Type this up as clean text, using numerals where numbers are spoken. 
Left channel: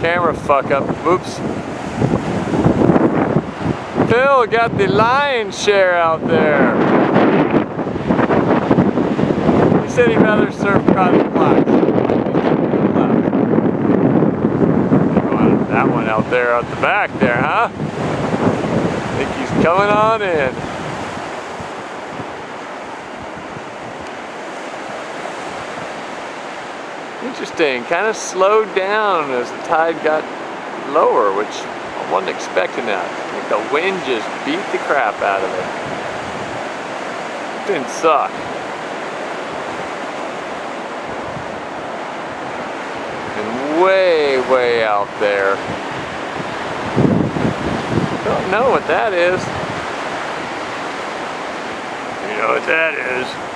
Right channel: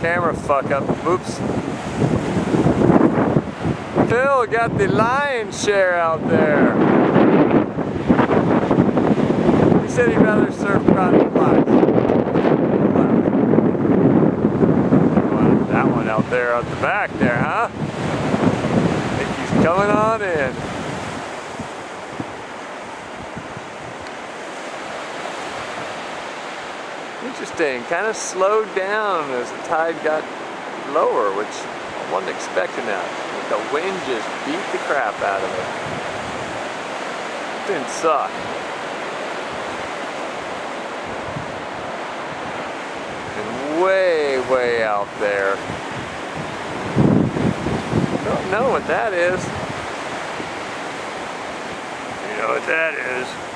Camera fuck up. Whoops. Phil got the lion's share out there. He said he'd rather surf Cotton Blacks. Go left. Go on that one out there at the back there, huh? Think he's coming on in. Interesting, kind of slowed down as the tide got lower, which I wasn't expecting that. The wind just beat the crap out of it. It didn't suck. And way out there. Don't know what that is. You know what that is?